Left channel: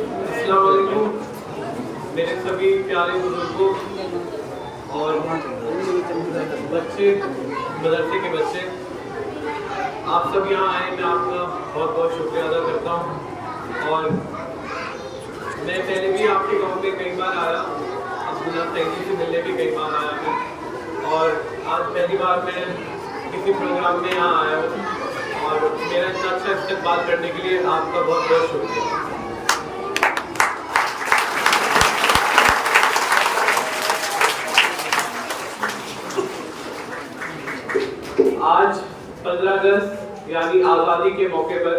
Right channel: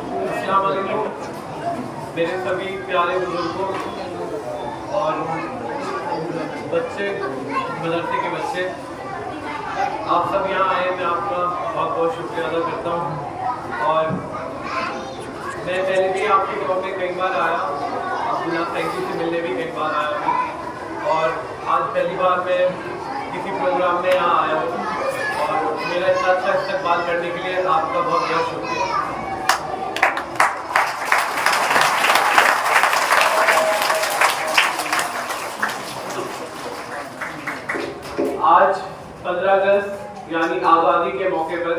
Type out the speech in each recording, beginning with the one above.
अस्सलाम वालेकुम मेरे सभी प्यारे बुजुर्गों और बच्चे, मदरसे के बच्चे, आप सब यहाँ आए, मैं आपका बहुत बहुत शुक्रिया अदा करता हूँ। और मैं पहले भी आपके गांव में कई बार आया, अब्दुल्ला सैदी से मिलने भी कई बार आया मैं, और आज पहली बार मैं किसी प्रोग्राम में यहाँ आया हूँ और मेरा इतना अच्छा इस्तेमाल करने के लिए आपका बहुत बहुत शुक्रिया। आज 15 अगस्त यानी आज़ादी के मौके पर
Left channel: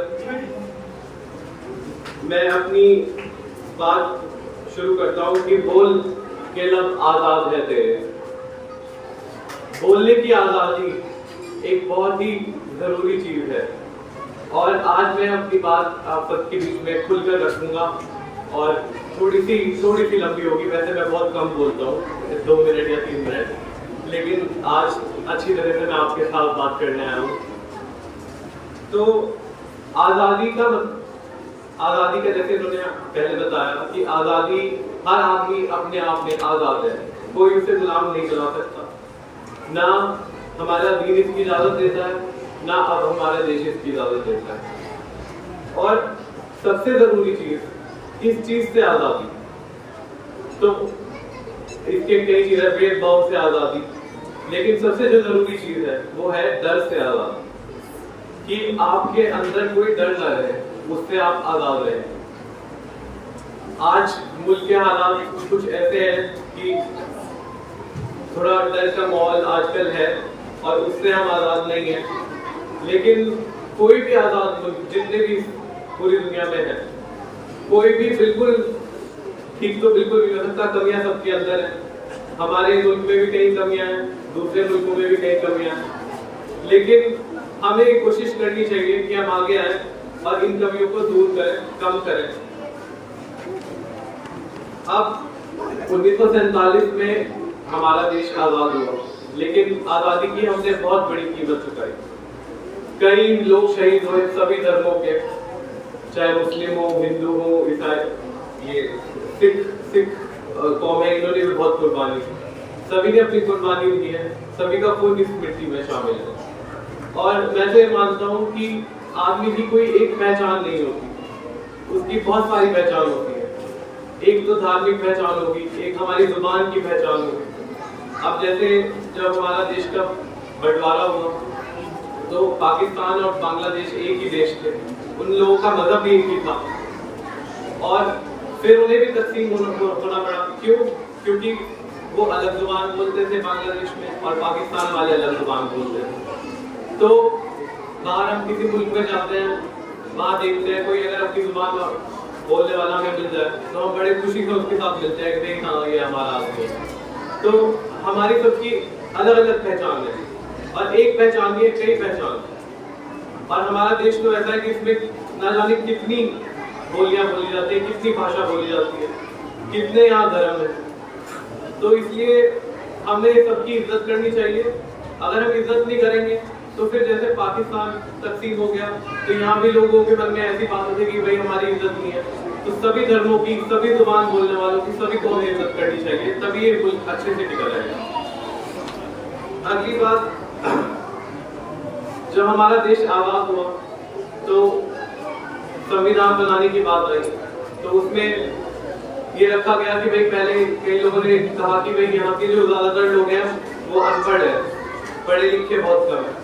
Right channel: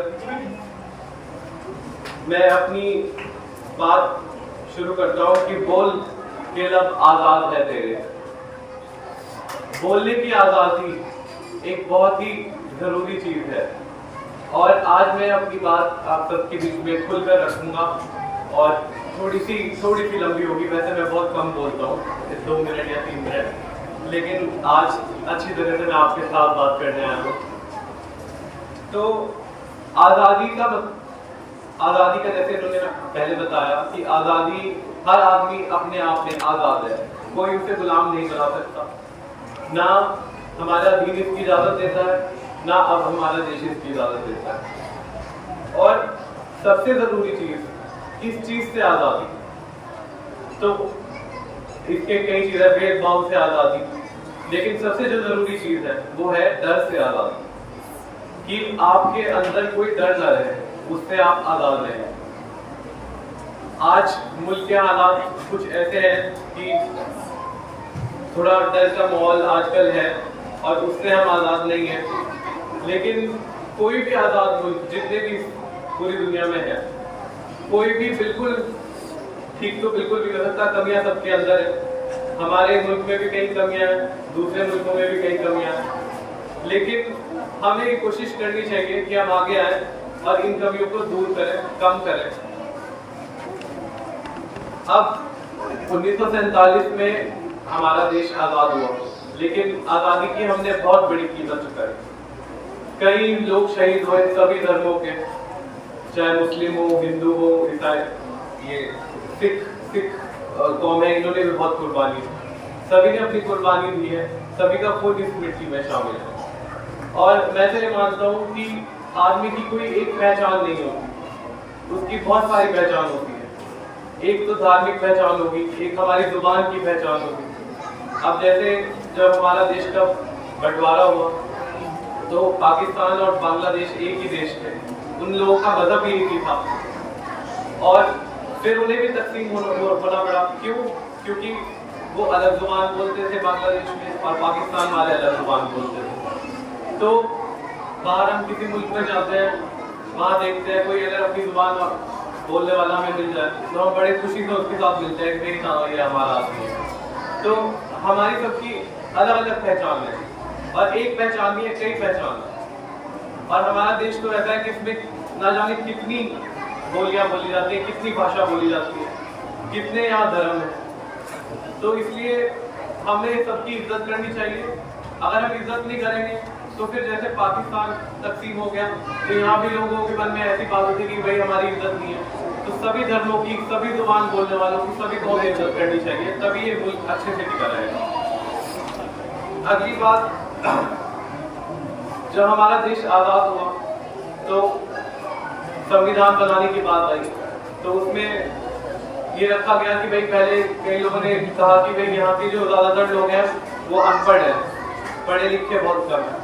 मैं अपनी बात शुरू करता हूँ कि बोल के लब आज़ाद है तेरे। बोलने की आज़ादी एक बहुत ही ज़रूरी चीज़ है और आज मैं अपनी बात आप सबके बीच में खुलकर रखूँगा और थोड़ी सी लंबी होगी। वैसे मैं बहुत कम बोलता हूँ, 2 मिनट या 3 मिनट, लेकिन आज अच्छी तरह से मैं आपके साथ बात करने आया हूँ। तो आज़ादी का जैसे इन्होंने पहले बताया कि आज़ादी, हर आदमी अपने आप में आज़ाद है, कोई उसे गुलाम नहीं बना सकता। ना हमारा दीन इसकी इजाज़त देता है, ना अब हमारा देश इसकी इजाज़त देता है। और सबसे ज़रूरी चीज़, किस चीज़ से आज़ादी? तो इसके कई चीज़ें, भेदभाव से आज़ादी, लेकिन सबसे जो ज़रूरी चीज़ है वो है डर से आज़ादी, कि आपके अंदर कोई डर न रहे, उससे आप आज़ाद रहें। आज मुल्क के हालात कुछ ऐसे हैं कि थोड़ा डर का माहौल आजकल है और उससे हम आज़ाद नहीं हैं। लेकिन कोई भी आज़ाद मुल्क, जितने भी पूरी दुनिया में है, कोई भी बिल्कुल ठीक तो बिल्कुल भी हो सकता, कमियां सबके अंदर है। हमारे मुल्क में भी कई कमियां हैं, दूसरे मुल्कों में भी कई कमियां हैं, लेकिन हमें कोशिश करनी चाहिए कि हम आगे आए और इन कमियों को दूर करें, कम करें। अब 1947 में हमारा देश आज़ाद हुआ, लेकिन आज़ादी की हमने बहुत बड़ी कीमत चुकाई। कई लोग शहीद हुए सभी धर्मों के, चाहे मुस्लिम हो, हिंदू हो, ईसाई, ये सिख कौम है, इन्होंने भी बहुत कुर्बानी दी। सभी ने अपनी कुर्बानी दी है, सभी का खून इस मिट्टी में शामिल है। और मैं तो ये मानता हूँ कि आदमी की कोई एक पहचान नहीं होती, उसकी बहुत सारी पहचान होती है। एक तो धार्मिक पहचान होगी, एक हमारी जुबान की पहचान होगी। अब जैसे जब हमारा देश का बंटवारा हुआ तो पाकिस्तान और बांग्लादेश एक ही देश थे, उन लोगों का मजहब ही एक ही था और फिर उन्हें भी तकसीम होना पड़ा। क्यों? क्योंकि वो अलग जुबान बोलते थे बांग्लादेश में और पाकिस्तान वाले अलग जुबान बोलते थे। तो बाहर हम किसी मुल्क में जाते हैं, वहाँ देखते हैं कोई अगर अपनी जुबान बोलने वाला हमें मिल जाए तो हम बड़े खुशी से उसके साथ मिलते हैं कि हाँ ये हमारा आदमी है। तो हमारी सबकी अलग अलग पहचान है और एक पहचान नहीं है, कई पहचान। और हमारा देश तो ऐसा है कि इसमें ना जाने कितनी बोलियां बोली जाती हैं, कितनी भाषा बोली जाती है, कितने यहाँ धर्म है। तो इसलिए हमें सबकी इज्जत करनी चाहिए। अगर हम इज्जत नहीं करेंगे तो फिर जैसे पाकिस्तान तकसीम हो गया तो यहाँ भी लोगों के मन में ऐसी बात होती है कि भाई हमारी इज्जत नहीं है। तो सभी धर्मों की, सभी जुबान बोलने वालों की, सभी को हमें इज्जत करनी चाहिए, तभी ये मुल्क अच्छे से टिका रहेगा। अगली बात, जब हमारा देश आज़ाद हुआ तो संविधान बनाने की बात आई, तो उसमें ये रखा गया कि भाई पहले कई लोगों ने कहा कि भाई यहाँ के जो ज़्यादातर लोग हैं वो अनपढ़ हैं, पढ़े लिखे बहुत कम है,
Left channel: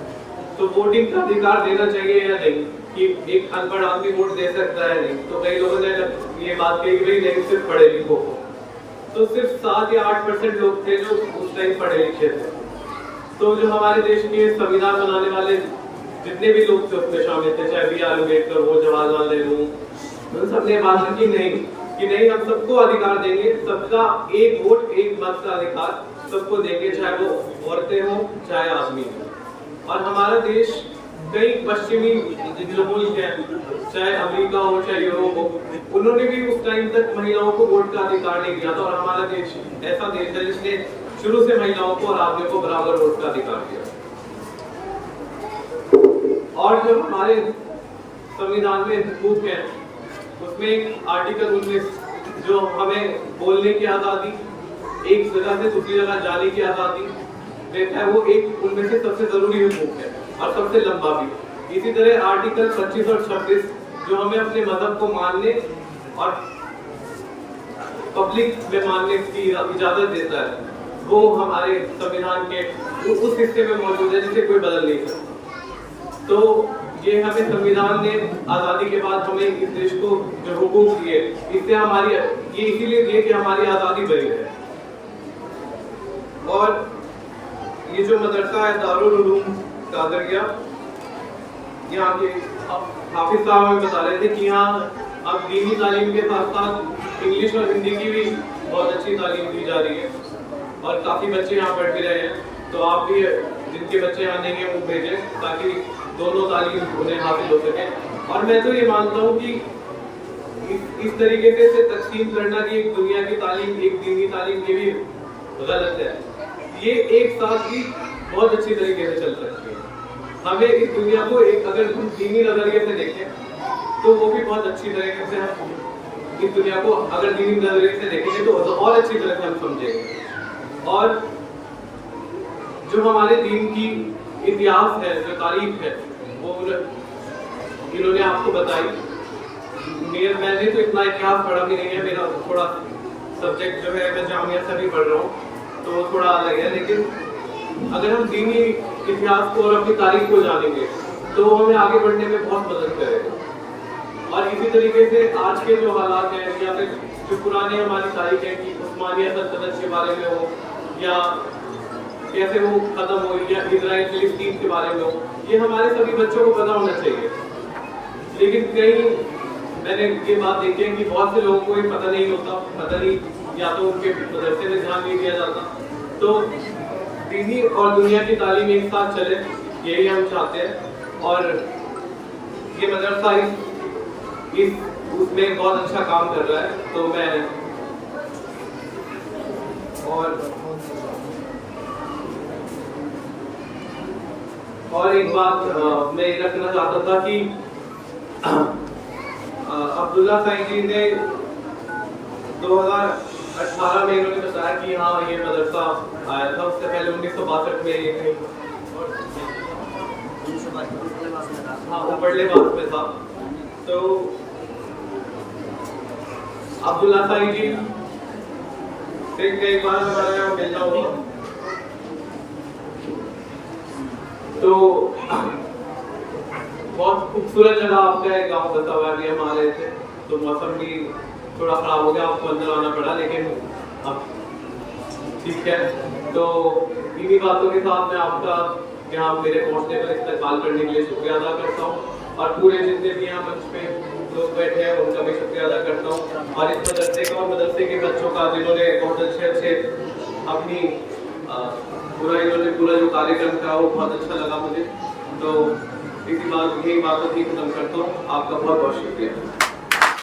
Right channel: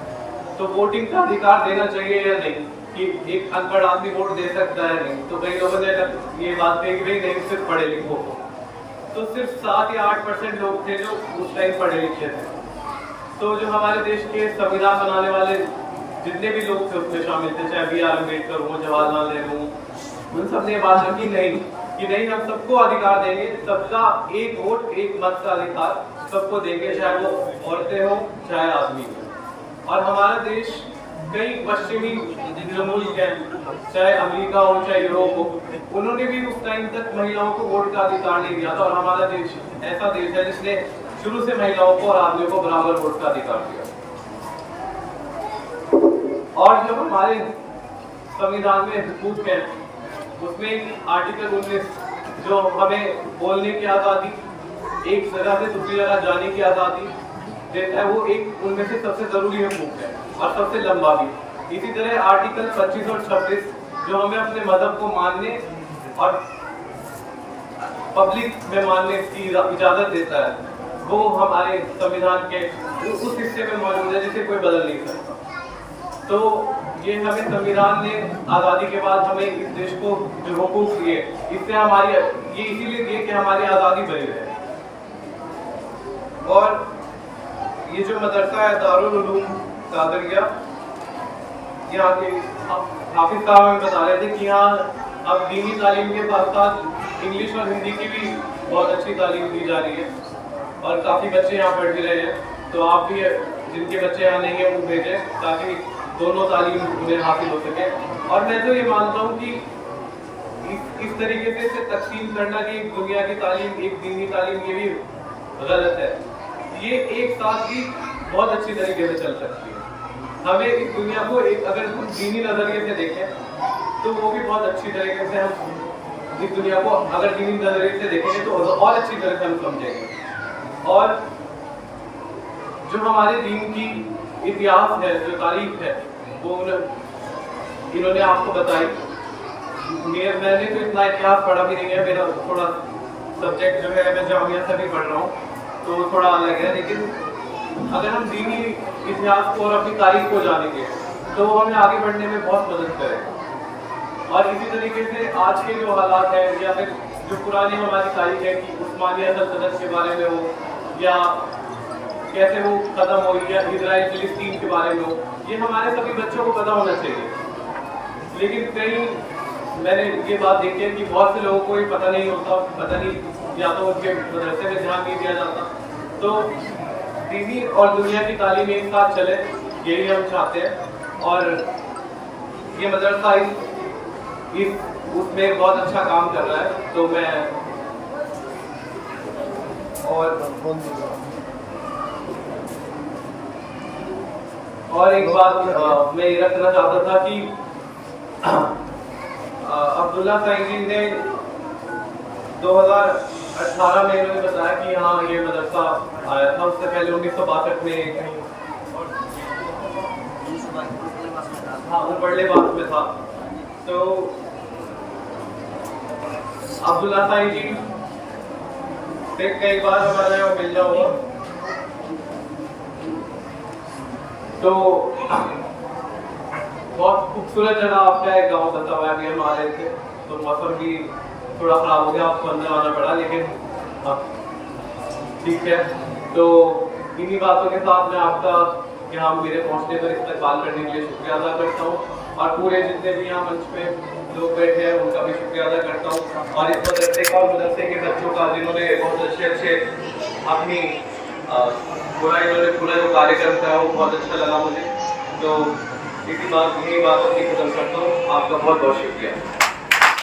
तो वोटिंग का अधिकार देना चाहिए या नहीं, कि एक अनपढ़ आदमी वोट दे सकता है नहीं। तो कई लोगों ने ये बात कही कि भाई नहीं, सिर्फ पढ़े लिखो को। तो सिर्फ 7 या 8% लोग थे जो उस टाइम पढ़े लिखे थे। तो जो हमारे देश के संविधान बनाने वाले जितने भी लोग थे उसमें शामिल थे, चाहे BR अम्बेडकर हो, जवाहरलाल नेहरू, उन सब ने बात रखी नहीं हम सबको अधिकार देंगे, सबका एक वोट एक मत का अधिकार सबको देंगे, चाहे वो औरतें हो चाहे आदमी हो। और हमारा देश कई पश्चिमी जो मुल्क हैं, चाहे अमेरिका हो चाहे यूरोप हो, उन्होंने भी उस टाइम तक महिलाओं को वोट का अधिकार नहीं दिया था। और हमारा देश ऐसा देश है जिसने शुरू से महिलाओं को और आदमियों को बराबर वोट का अधिकार दिया। और जो हमारे संविधान में हुकूक हैं उसमें आर्टिकल 19 जो हमें बोलने की आज़ादी, एक जगह से दूसरी जगह जाने की आज़ादी देता है, वो एक उनमें से सबसे ज़रूरी हुकूक है और सबसे लंबा भी। इसी तरह आर्टिकल 25 और 26 जो हमें अपने मजहब को मानने और पब्लिक में मानने की इजाज़त देता है, वो हमारे संविधान के उस हिस्से में मौजूद है जिसे कोई बदल नहीं सकता। तो ये हमें संविधान ने आज़ादी के बाद हमें इस देश को जो हुकूक दिए, इससे हमारी ये इसीलिए दिए कि हमारी आज़ादी बनी रहे। और ये जो मदरसा है दारुल उलूम कादरिया, यहाँ के हाफिज साहब हमें बता रहे थे कि यहाँ अब दीनी तालीम के साथ साथ इंग्लिश और हिंदी की भी बहुत अच्छी तालीम दी जा रही है और काफ़ी बच्चे यहाँ पढ़ भी रहे हैं। तो आप भी जिनके बच्चे यहाँ नहीं हैं वो भेजें ताकि दोनों तालीम उन्हें हासिल हो सके। और मैं तो ये मानता हूँ कि इस तरीके से तकसीम करना कि एक दुनिया की तालीम एक दीनी तालीम, ये भी गलत है। ये एक साथ ही बहुत अच्छी तरीके से चल सकती है। हमें इस दुनिया को एक अगर दीनी नजरिए से देखें तो वो भी बहुत अच्छी तरीके से हम इस दुनिया को अगर दीनी नजरिए से देखेंगे तो और अच्छी तरह से हम समझेंगे। और जो हमारे दीन की इतिहास है, जो तारीख है, वो इन्होंने आपको बताई। मैंने तो इतना इतिहास पढ़ा भी नहीं है, मेरा थोड़ा सब्जेक्ट जो है मैं जामिया से भी पढ़ रहा हूँ तो वो थोड़ा अलग है। लेकिन अगर हम दीनी इतिहास को और अपनी तारीख को जानेंगे तो वो हमें आगे बढ़ने में बहुत मदद करेगा। और इसी तरीके से आज के जो हालात हैं या फिर जो पुरानी हमारी तारीख है कि उस्मानिया सल्तनत के बारे में हो या कैसे वो खत्म हुई या इजराइल फिलिस्तीन के बारे में हो, ये हमारे सभी बच्चों को पता होना चाहिए। लेकिन कई मैंने ये बात देखी है कि बहुत से लोगों को ये पता नहीं होता, पता नहीं, या तो उनके मदरसे में ध्यान नहीं दिया जाता। तो दीनी और दुनिया की तालीम एक साथ चले, यही हम चाहते हैं। और ये मदरसा उसमें बहुत अच्छा काम कर रहा है। तो मैं और एक बात मैं ये रखना चाहता था कि अब्दुल्ला साईं जी ने 2018 में इन्होंने बताया कि हाँ ये मदरसा आया था। उससे पहले 1962 में कहीं और हाँ उबरलेबास में था। तो अब्दुल्ला साईं जी से कई बार हमारा यहाँ मिलना हुआ। तो बहुत खूबसूरत जगह आपका है गाँव बतावा, हम आ रहे थे तो मौसम भी थोड़ा ख़राब हो गया, आपको अंदर आना पड़ा, लेकिन अब ठीक है। तो इन्हीं बातों के साथ मैं आपका यहाँ मेरे पहुँचने पर इस्तकबाल करने के लिए शुक्रिया अदा करता हूँ और पूरे जितने भी यहाँ मंच पे लोग बैठे हैं उनका भी शुक्रिया अदा करता हूँ। और इस मदरसे का और मदरसे के बच्चों का जिन्होंने बहुत अच्छे अपनी इन्होंने पूरा जो कार्यक्रम था वो बहुत अच्छा लगा मुझे। तो इसी बातों की खत्म करता हूँ। आपका बहुत बहुत शुक्रिया।